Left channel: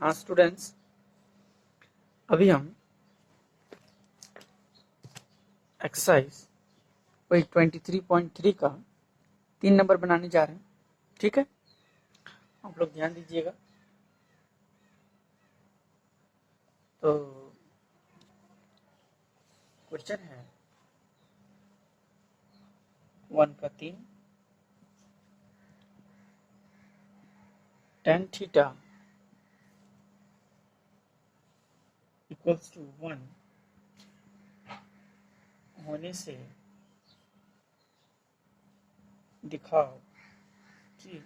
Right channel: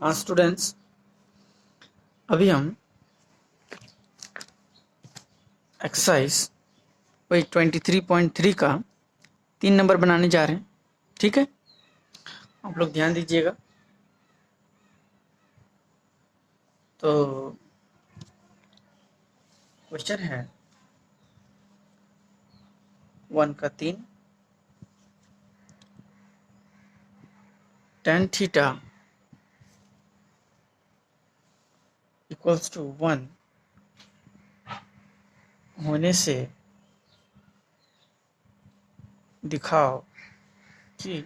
हाँ स्टूडेंट्स, अभी हम एक्सरसाइज वही 23.3 का 3 नंबर बनाने जा रहे हैं। ठीक है, आप लोग ध्यान दीजिएगा। तो क्वेश्चन है 1 का 3, tan थीटा इक्वल्स टू 1 होने से दिखाओ कि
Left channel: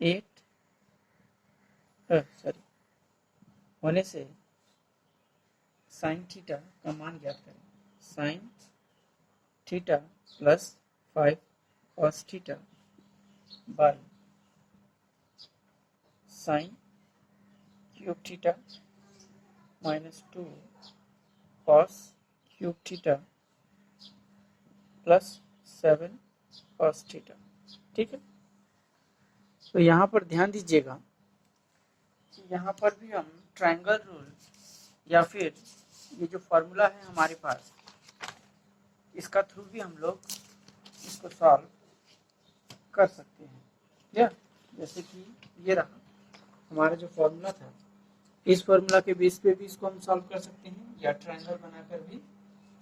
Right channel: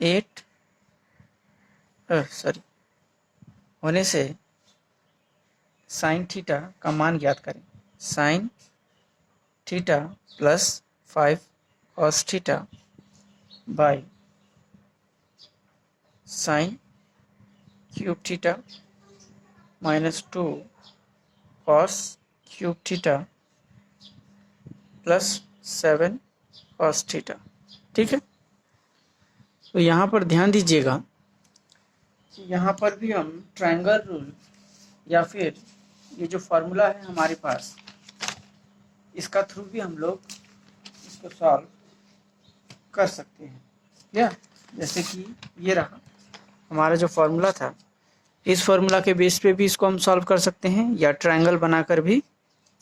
8 होने से साइन थीटा का मान ज्ञात करें। Sine theta plus 5 cos theta by sine cube theta minus 2 cos cube theta plus 7 cos theta. ठीक है, तो यहाँ पर ध्यान दीजिएगा कि यहाँ पर भी हम ट्रायंगल रूल या फिर ये जो फॉर्मूला है हमारे पास, इसका थ्रू भी हम लोग इसको सॉल्व कर सकते हैं। या जैसे कि ये रहा हमारा जो फॉर्मूला था, इस फॉर्मूला के बेस पे भी इसको हम सॉल्व कर सकते हैं या ट्रायंगल बनाकर भी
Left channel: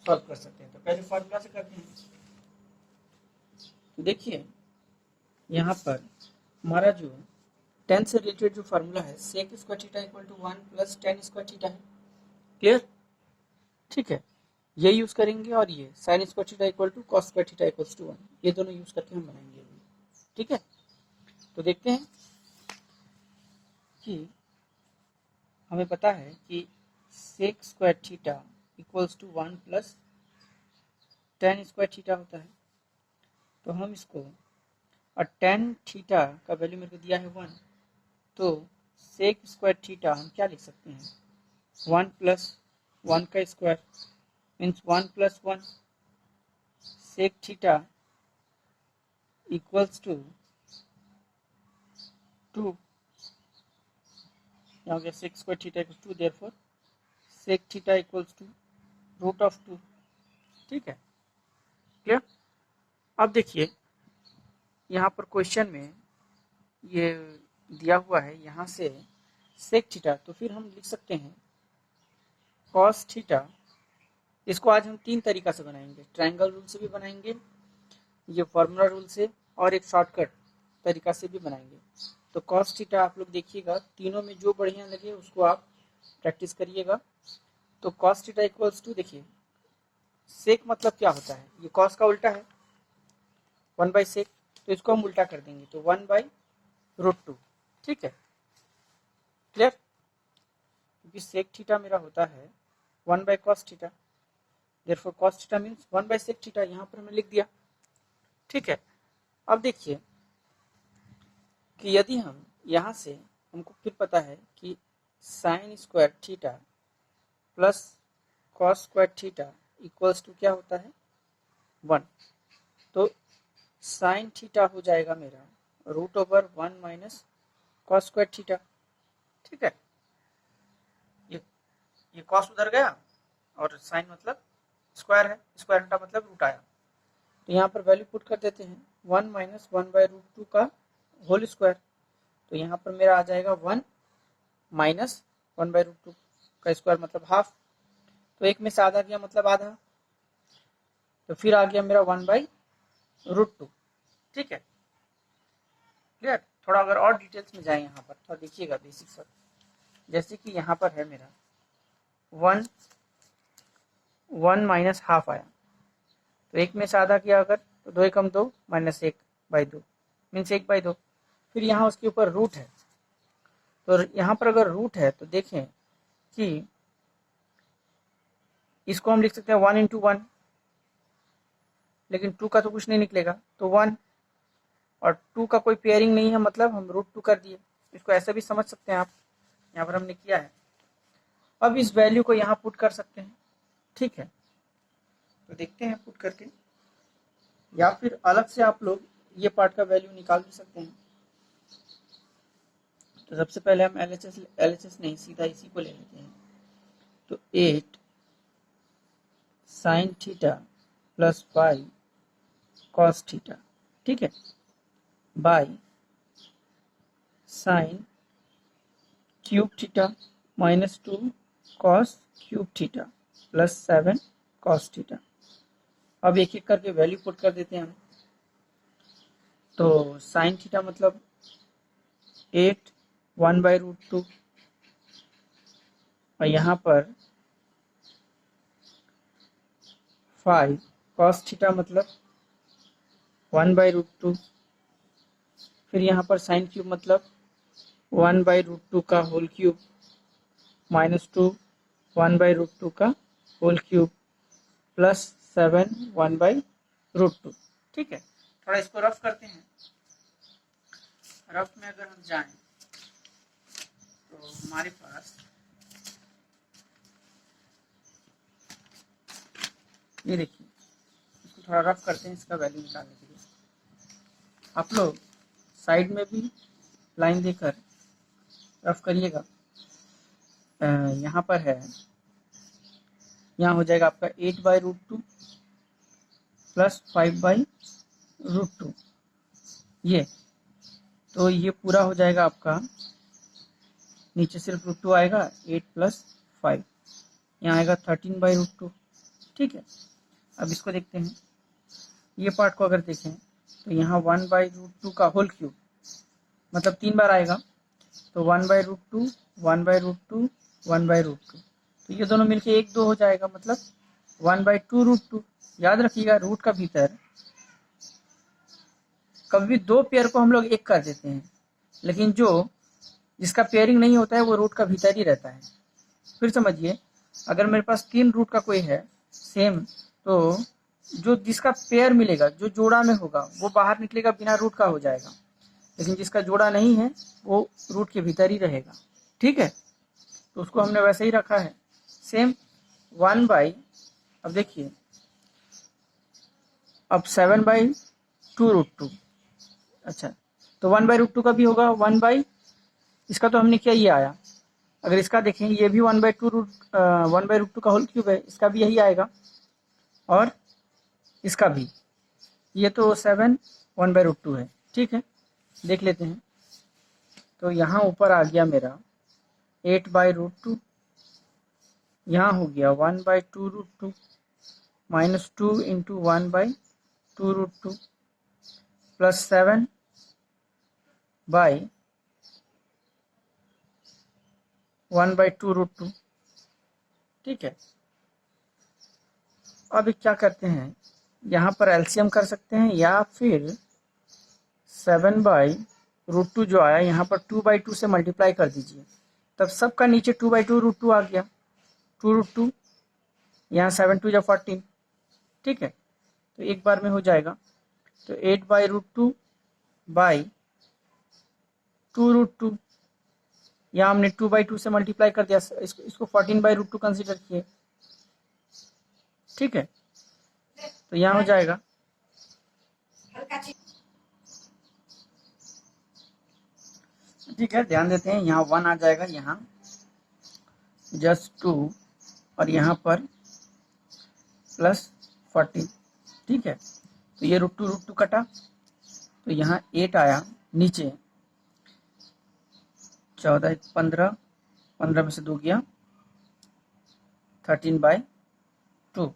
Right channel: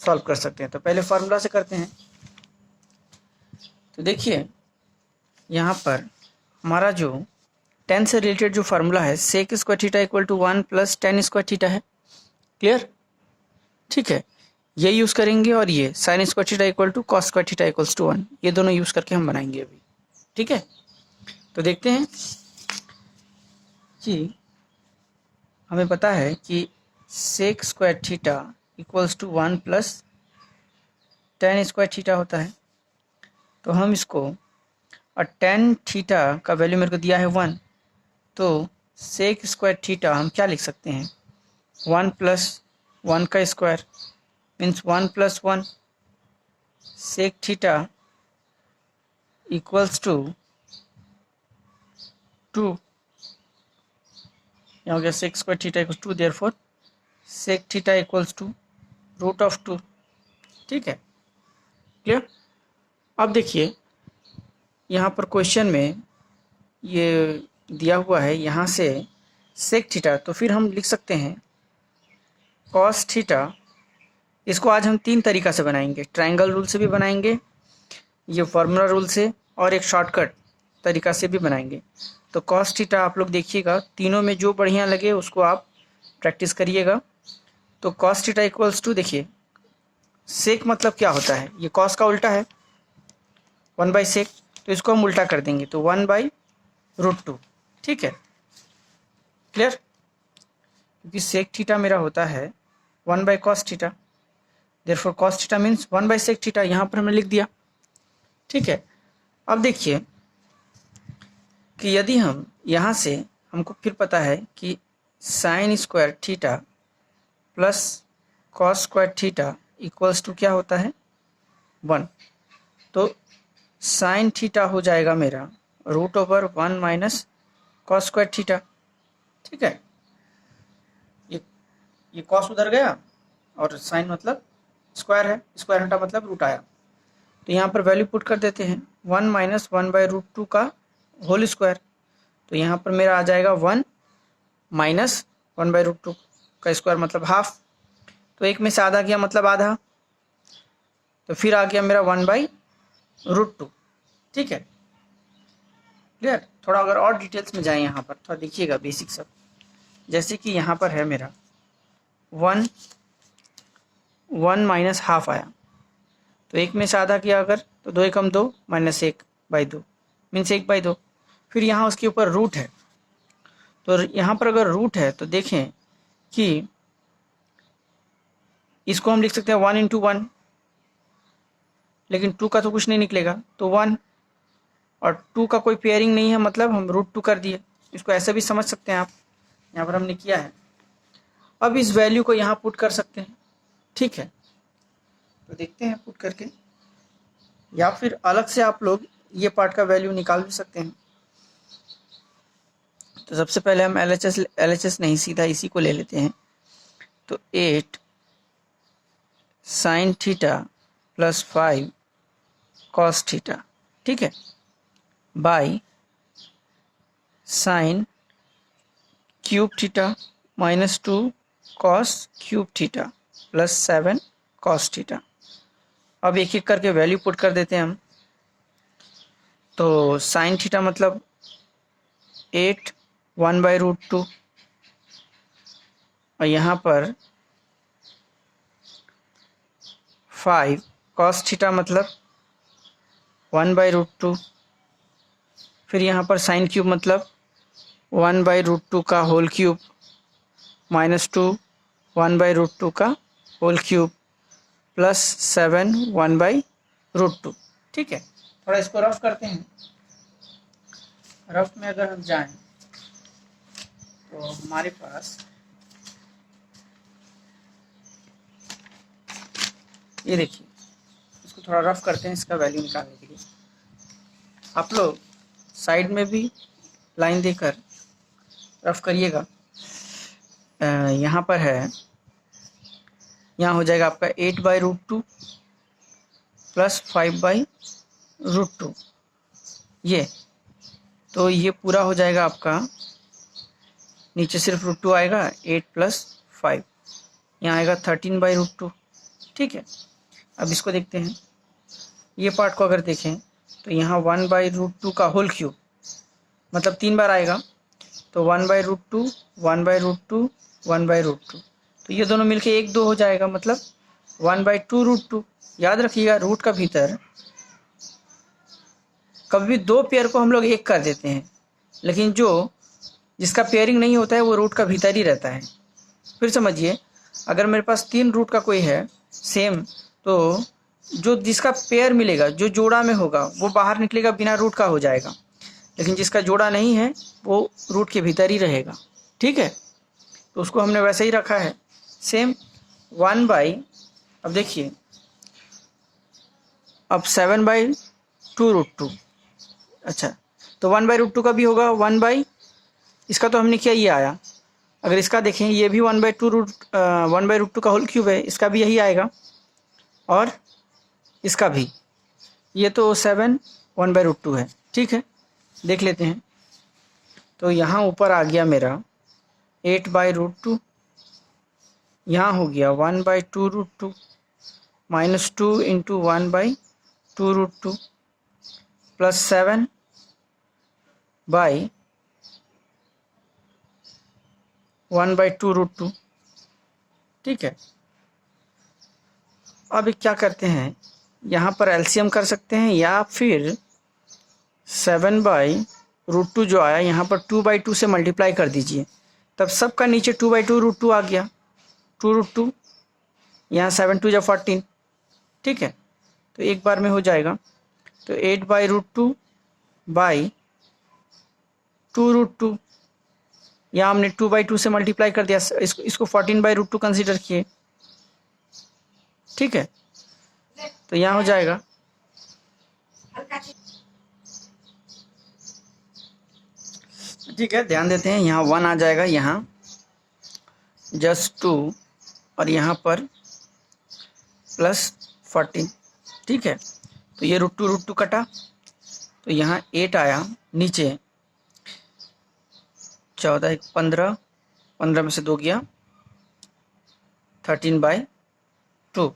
सॉल्व कर सकते हैं। तो पहले फॉर्मूला से करते हैं। तो देखिए यहाँ पर हमारा जो tan से रिलेटेड जो फार्मूला है, sec square theta equal to 1 plus tan square theta है। क्लियर? ठीक है, ये यूज़ करेंगे और ये sin square theta equal to cos square theta equals to 1, ये दोनों यूज़ करके हम बनाएंगे अभी। ठीक है, तो देखते हैं कि हमें पता है कि sec square theta equals to 1 plus tan square theta होता है। तो हम इसको, और tan थीटा का वैल्यू मेरे को दिया है 1, तो sec स्क्वायर थीटा हम क्या लिख सकते हैं, 1 प्लस 1 का square means 1 plus 1 sec theta equals to 2। यहाँ हो गया sec square theta equals to, therefore sec theta equals to root of 2। ठीक है, क्लियर? अब देखिए यहाँ पर क्वेश्चन में ये दिया हुआ है, यहाँ से sec थीटा, तो फिर हम लिख सकते हैं cos थीटा। इसको आज हम 3 तरीका से बनाएंगे, ट्रायंगल रूल से भी बनाएंगे, ये फार्मूला रूल से, और एक शॉर्टकट तरीका से भी बनाएंगे। तो cos थीटा आप लोग देखिएगा, तीनों में जो बढ़िया लगे उसको आप प्रैक्टिस करिएगा। तो cos थीटा इक्वल्स टू, देखिए सेक मतलब क्या होता है, ये cos का उल्टा है 1 बाई सेक, तो इसको हम उल्टा कर देंगे तो 1 बाई रूट 2। ठीक है, क्लियर? क्योंकि सेक थीटा मेरा होता है 1 by cos theta, therefore cos theta means 1 by sec theta, यहाँ पर हमने लिख दिया। ठीक है, अब देखिए कि यदि हम यहाँ से, हमको फिर पता है कि sine square theta plus cos square theta equals to क्या होता है, 1। तो साइन थीटा हो जाएगा मेरा root over 1 minus cos square theta. ठीक है, ये कॉस उधर गया और साइन मतलब स्क्वायर है, स्क्वायर हटा मतलब रूट आया। तो यहाँ पर वैल्यू पुट कर देते हैं, 1 माइनस 1 बाई रूट 2 का होल स्क्वायर। तो यहाँ पर मेरा आ जाएगा 1 माइनस 1 बाई रूट 2 का स्क्वायर मतलब हाफ। तो एक में से आधा गया मतलब आधा, तो फिर आ गया मेरा 1 बाई रूट 2। ठीक है, क्लियर? थोड़ा अगर और डिटेल्स में जाए यहाँ पर, थोड़ा देखिएगा बेसिक सब। जैसे कि यहाँ पर है मेरा 1 माइनस हाफ आया, तो एक में से आधा किया अगर, तो 2 एकम 2 माइनस 1 बाई 2 मीन्स 1 बाई 2। फिर यहाँ उसके ऊपर रूट है, तो यहाँ पर अगर रूट है तो देखें कि इसको हम लिख सकते हैं 1 इंटू 1, लेकिन 2 का तो कुछ नहीं निकलेगा, तो 1 और 2 का कोई पेयरिंग नहीं है, मतलब हम रूट 2 कर दिए। इसको ऐसे भी समझ सकते हैं आप, यहाँ पर हमने किया है। अब इस वैल्यू को यहाँ पुट कर सकते हैं। ठीक है, तो देखते हैं पुट करके, या फिर अलग से आप लोग ये पार्ट का वैल्यू निकाल भी सकते हैं। तो सबसे पहले हम LHS नहीं, सीधा इसी को ले लेते हैं। तो 8 sin theta plus 5 cos theta, ठीक है, by sin cube theta minus 2 cos cube theta plus 7 cos theta. अब एक एक करके वैल्यू पुट कर देते हैं हम। तो sin थीटा मतलब 8 1/√2 और यहाँ पर 5 cos थीटा मतलब 1/√2, फिर यहाँ पर sin क्यूब मतलब 1/√2 का होल क्यूब माइनस 2 1/√2 का होल क्यूब प्लस 7 1/√2, ठीक है। थोड़ा इसको रफ करते हैं। रफ में अगर हम जाएं तो हमारे पास ये देखिए, इसको थोड़ा रफ करते हैं इसका वैल्यू निकालने के लिए। आप लोग साइड में भी लाइन देकर रफ करिएगा। यहाँ पर है, यहाँ हो जाएगा आपका 8/√2 प्लस 5/√2, ये तो ये पूरा हो जाएगा आपका, नीचे सिर्फ √2 आएगा, 8 प्लस 5, यहाँ आएगा 13/√2, ठीक है। अब इसको देखते हैं, ये पार्ट को अगर देखें तो यहाँ 1/√2 का होल क्यूब मतलब 3 बार आएगा, तो 1/√2 1/√2 1/√2, तो ये दोनों मिलके 1 2 हो जाएगा, मतलब 1/2√2। याद रखिएगा, रूट का भीतर कभी भी दो पेयर को हम लोग एक कर देते हैं, लेकिन जिसका पेयरिंग नहीं होता है वो रूट का भीतर ही रहता है। फिर समझिए, अगर मेरे पास 3 रूट का कोई है सेम, तो जिसका पेयर मिलेगा, जो जोड़ा में होगा, वो बाहर निकलेगा, बिना रूट का हो जाएगा, लेकिन जिसका जोड़ा नहीं है वो रूट के भीतर ही रहेगा, ठीक है। तो उसको हमने वैसे ही रखा है सेम 1/, अब देखिए, अब 7/2√2, अच्छा, तो 1/√2 का भी होगा 1/, इसका तो हमने किया, ये आया। अगर इसका देखें, ये भी 1/2 का होल क्यूब है, इसका भी यही आएगा, और इसका भी, ये तो 7 1/√2 है, ठीक है। देख लेते हैं, तो यहाँ ऊपर आ गया मेरा 8/√2, यहाँ हो गया 1/2√2 माइनस 2 इंटू 1/2√2 प्लस 7 बाई 1/2√2, ठीक है। अब क्या करते हैं, यहाँ पर एलसीएम कर सकते हैं, या फिर 7/√2 जो आया यहाँ पर 2/2 से मल्टीप्लाई कर दीजिए, तब सबका नीचे 2/2√2 आ गया, 2√2, यहाँ 7 2 = 14, ठीक है। तो एक बार में हो जाएगा, तो 8/√2 बाई 2√2, यहाँ हमने 2/2 से मल्टीप्लाई कर दिया, इसको 14/√2 कंसीडर किए, ठीक है। तो यहाँ हो जाएगा, ठीक है, ध्यान देते हैं, यहाँ 1 आ जाएगा, यहाँ जस्ट 2, और यहाँ पर प्लस 14, ठीक है। तो ये √2 कटा, तो यहाँ 8 आया, नीचे 14 1 15, 15 में से 2 गया 13/2,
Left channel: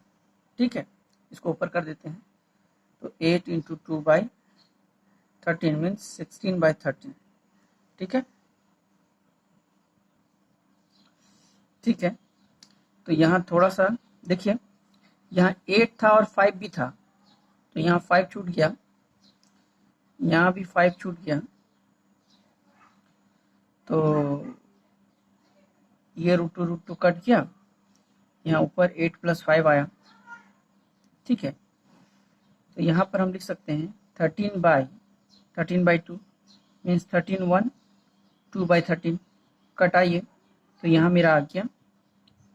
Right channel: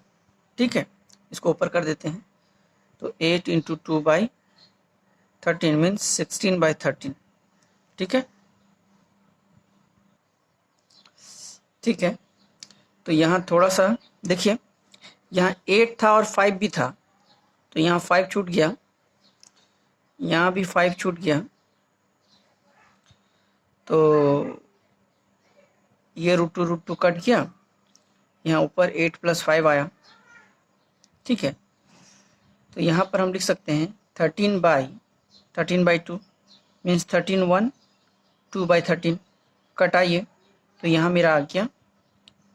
ठीक है। इसको ऊपर कर देते हैं, तो 8 इंटू 2/13 मीन्स 16/13, ठीक है, ठीक है। तो यहाँ थोड़ा सा देखिए, यहाँ 8 था और 5 भी था, तो यहाँ 5 छूट गया, यहाँ भी 5 छूट गया, तो ये √2 कट गया, यहाँ ऊपर 8 प्लस 5 आया, ठीक है। तो यहाँ पर हम लिख सकते हैं 13/2 मीन्स 13 1 2/13, कटाइए, तो यहाँ मेरा आ गया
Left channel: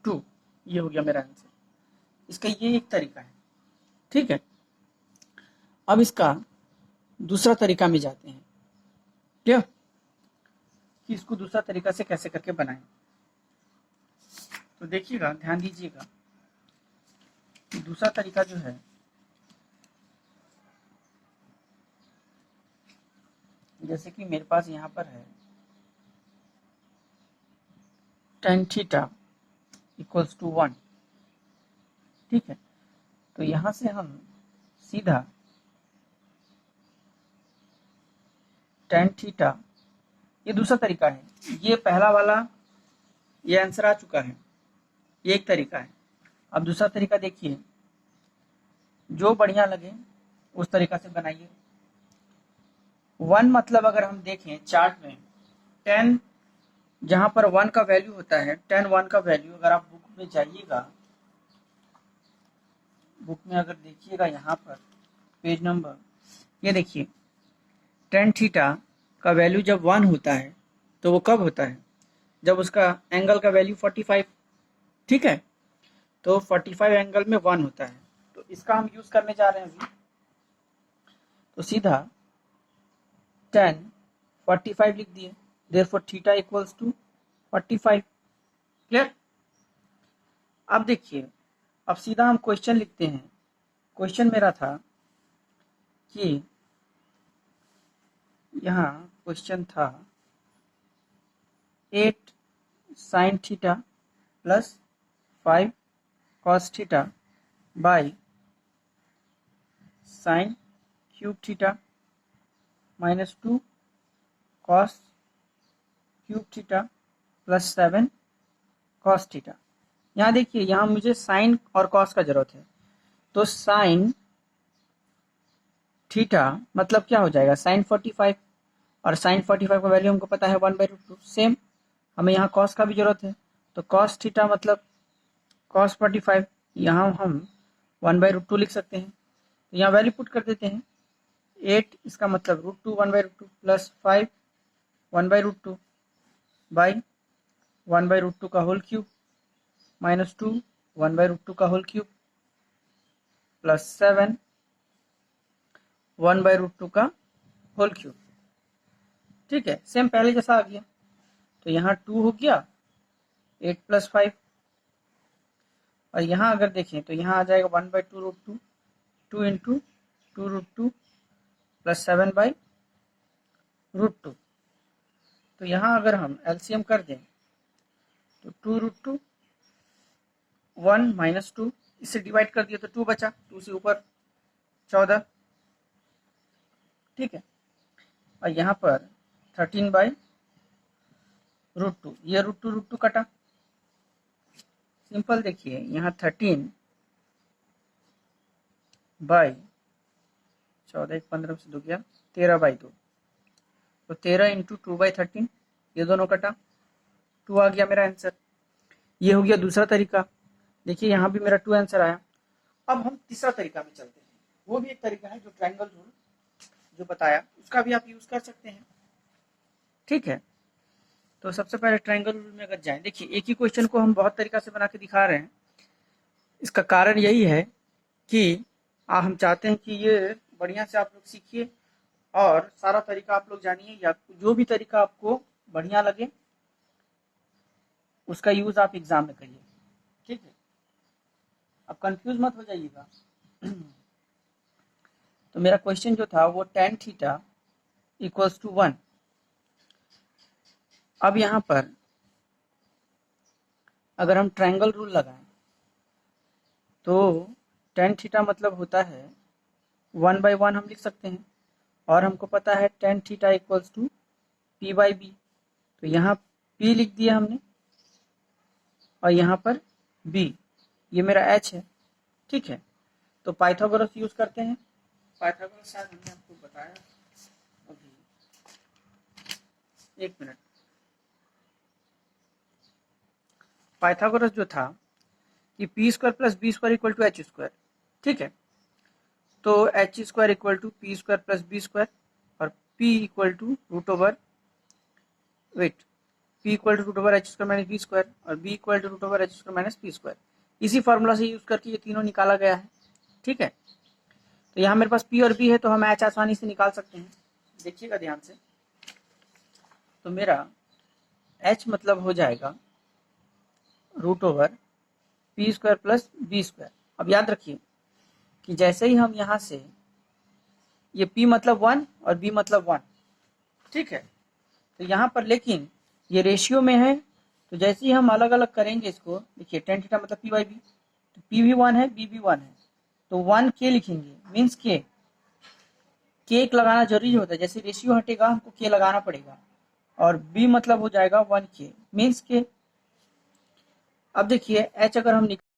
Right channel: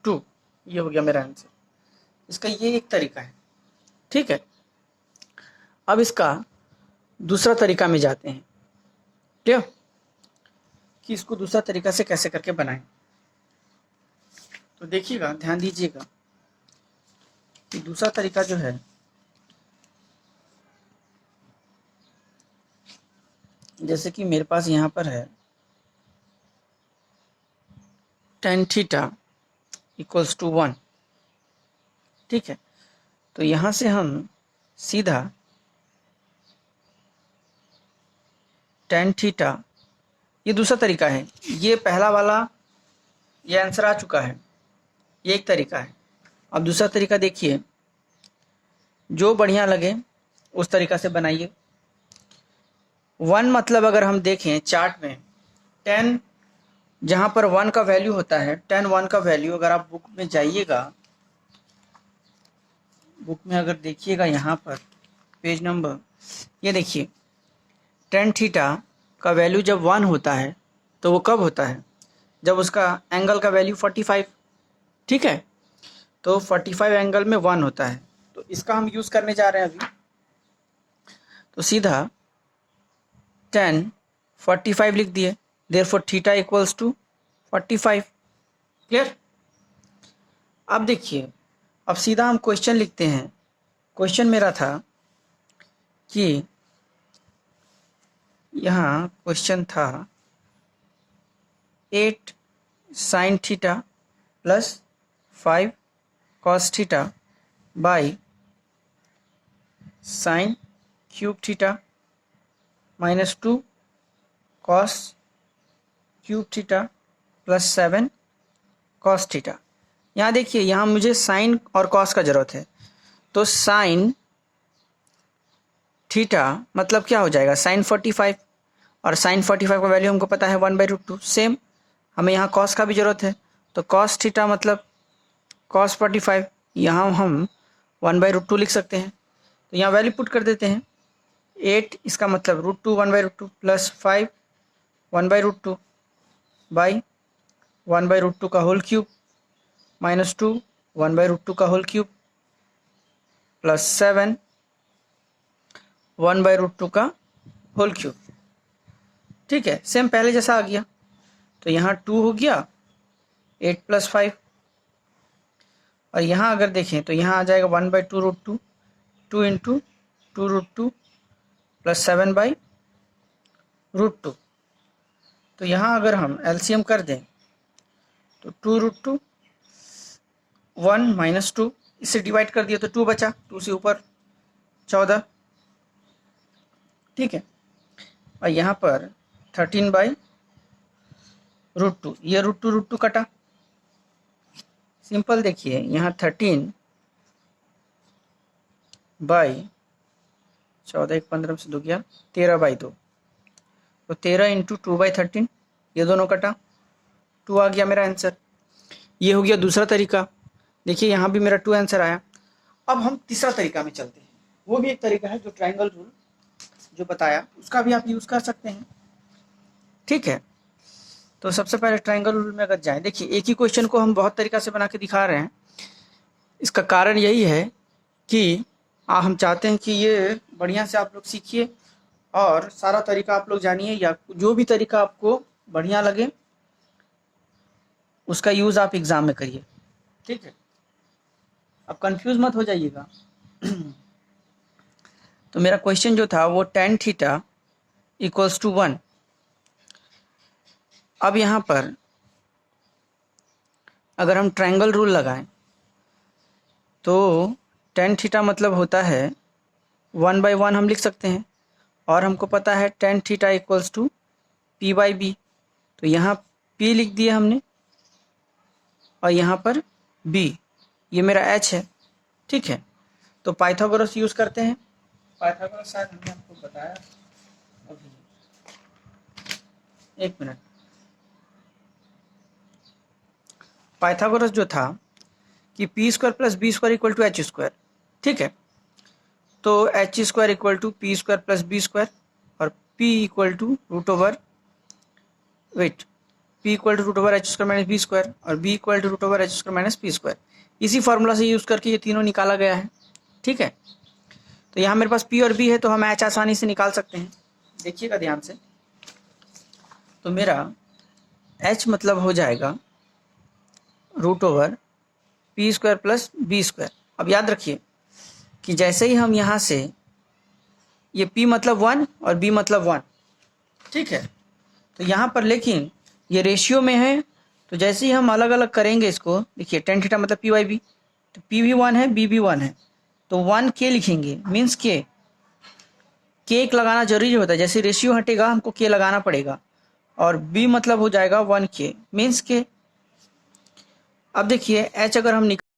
2, ये हो गया मेरा आंसर। इसका ये एक तरीका है, ठीक है। अब इसका दूसरा तरीका में जाते हैं, ठीक है। कि इसको दूसरा तरीका से कैसे करके बनाएं। तो देखिएगा, ध्यान दीजिएगा कि दूसरा तरीका जो है, जैसे कि मेरे पास यहाँ पर है tan थीटा इक्वल्स टू 1, ठीक है। तो यहाँ से हम सीधा tan थीटा, ये दूसरा तरीका है, ये पहला वाला ये आंसर आ चुका है, ये एक तरीका है। अब दूसरा तरीका देखिए, जो बढ़िया लगे उस तरीका से बनाइए। 1 मतलब अगर हम देखें चार्ट में, 10 जहाँ पर 1 का वैल्यू होता है, 10 1 का वैल्यू, अगर आप बुक में जाइएगा, बुक में अगर देखिएगा यहाँ पर पेज नंबर, ये देखिए tan थीटा का वैल्यू जब 1 होता है तो वो कब होता है, जब उसका एंगल का वैल्यू 45, ठीक है। तो 45 एंगल में 1 होता है, तो इसका हम यूज़ करने जा रहे हैं अभी। तो सीधा tan 45 लिख दिए, therefore theta equals to 45। Clear? अब देखिए, अब सीधा हम क्वेश्चन लिखते हैं। क्वेश्चन मेरा था कि यहाँ क्वेश्चन था 8 sin theta plus 5 cos theta by sin cube theta minus 2 cos cube theta plus 7 cos theta. यहाँ देखिए, यहाँ मुझे साइन और कॉस का जरूरत है, तो साइन थीटा मतलब क्या हो जाएगा, साइन 45, और साइन 45 का वैल्यू हमको पता है 1/√2। सेम हमें यहाँ कॉस का भी जरूरत है, तो कॉस थीटा मतलब कॉस 45, यहाँ हम 1/√2 लिख सकते हैं। तो यहाँ वैल्यू पुट कर देते हैं, 8 इसका मतलब √2 1/√2 प्लस 5 1/√2 बाई 1/√2 का होल क्यूब माइनस 2 1/√2 का होल क्यूब प्लस 7 1/√2 का होल क्यूब, ठीक है। सेम पहले जैसा आ गया, तो यहाँ 2 हो गया 8 प्लस 5, और यहाँ अगर देखें तो यहाँ आ जाएगा 1/2√2, 2 इंटू 2√2 प्लस 7/√2। तो यहाँ अगर हम एलसीएम कर दें तो 2√2 1 माइनस 2, इससे डिवाइड कर दिया तो 2 बचा, 2 से ऊपर 14, ठीक है। और यहाँ पर 13/√2, ये √2 कटा, सिंपल। देखिए यहाँ 13/14, 15 से 2 गया 13/2, तो 13 इंटू 2/13, ये दोनों कटा, 2 आ गया मेरा आंसर। ये हो गया दूसरा तरीका। देखिए यहाँ भी मेरा 2 आंसर आया। अब हम तीसरा तरीका में चलते हैं, वो भी एक तरीका है जो ट्रायंगल रूल जो बताया, उसका भी आप यूज़ कर सकते हैं, ठीक है। तो सबसे पहले ट्रायंगल रूल में अगर जाएं, देखिए एक ही क्वेश्चन को हम बहुत तरीका से बना के दिखा रहे हैं। इसका कारण यही है कि हम चाहते हैं कि ये बढ़िया से आप लोग सीखिए और सारा तरीका आप लोग जानिए, या जो भी तरीका आपको बढ़िया लगे उसका यूज़ आप एग्ज़ाम में करिए, ठीक है। अब कंफ्यूज मत हो जाइएगा। तो मेरा क्वेश्चन जो था वो tan थीटा इक्वल्स टू 1। अब यहाँ पर अगर हम ट्रायंगल रूल लगाएं तो tan थीटा मतलब होता है 1/1 हम लिख सकते हैं, और हमको पता है tan theta equals to p/b, तो यहाँ p लिख दिया हमने और यहाँ पर b, ये मेरा h है, ठीक है। तो पाइथागोरस यूज़ करते हैं। पाइथागोरस शायद हमने आपको बताया अभी, एक मिनट। पाइथागोरस जो था कि p² plus b² equal to h², ठीक है। तो h² equal to p² plus b², और p इक्वल टू √ओवर वेट p equal to √h² minus b² और b equal to √h² minus p²। इसी फार्मूला से यूज़ करके ये तीनों निकाला गया है, ठीक है। तो यहाँ मेरे पास p और b है, तो हम h आसानी से निकाल सकते हैं। देखिएगा ध्यान से, तो मेरा h मतलब हो जाएगा √p² प्लस b²। अब याद रखिए कि जैसे ही हम यहाँ से ये p मतलब 1 और b मतलब 1, ठीक है, तो यहाँ पर लेकिन ये रेशियो में है, तो जैसे ही हम अलग अलग करेंगे इसको, देखिए tan थीटा मतलब p/b, तो p भी 1 है, b भी 1 है, तो 1k लिखेंगे, मीन्स k एक लगाना जरूरी होता है, जैसे रेशियो हटेगा हमको k लगाना पड़ेगा, और b मतलब हो जाएगा 1k मीन्स k। अब देखिए h अगर हम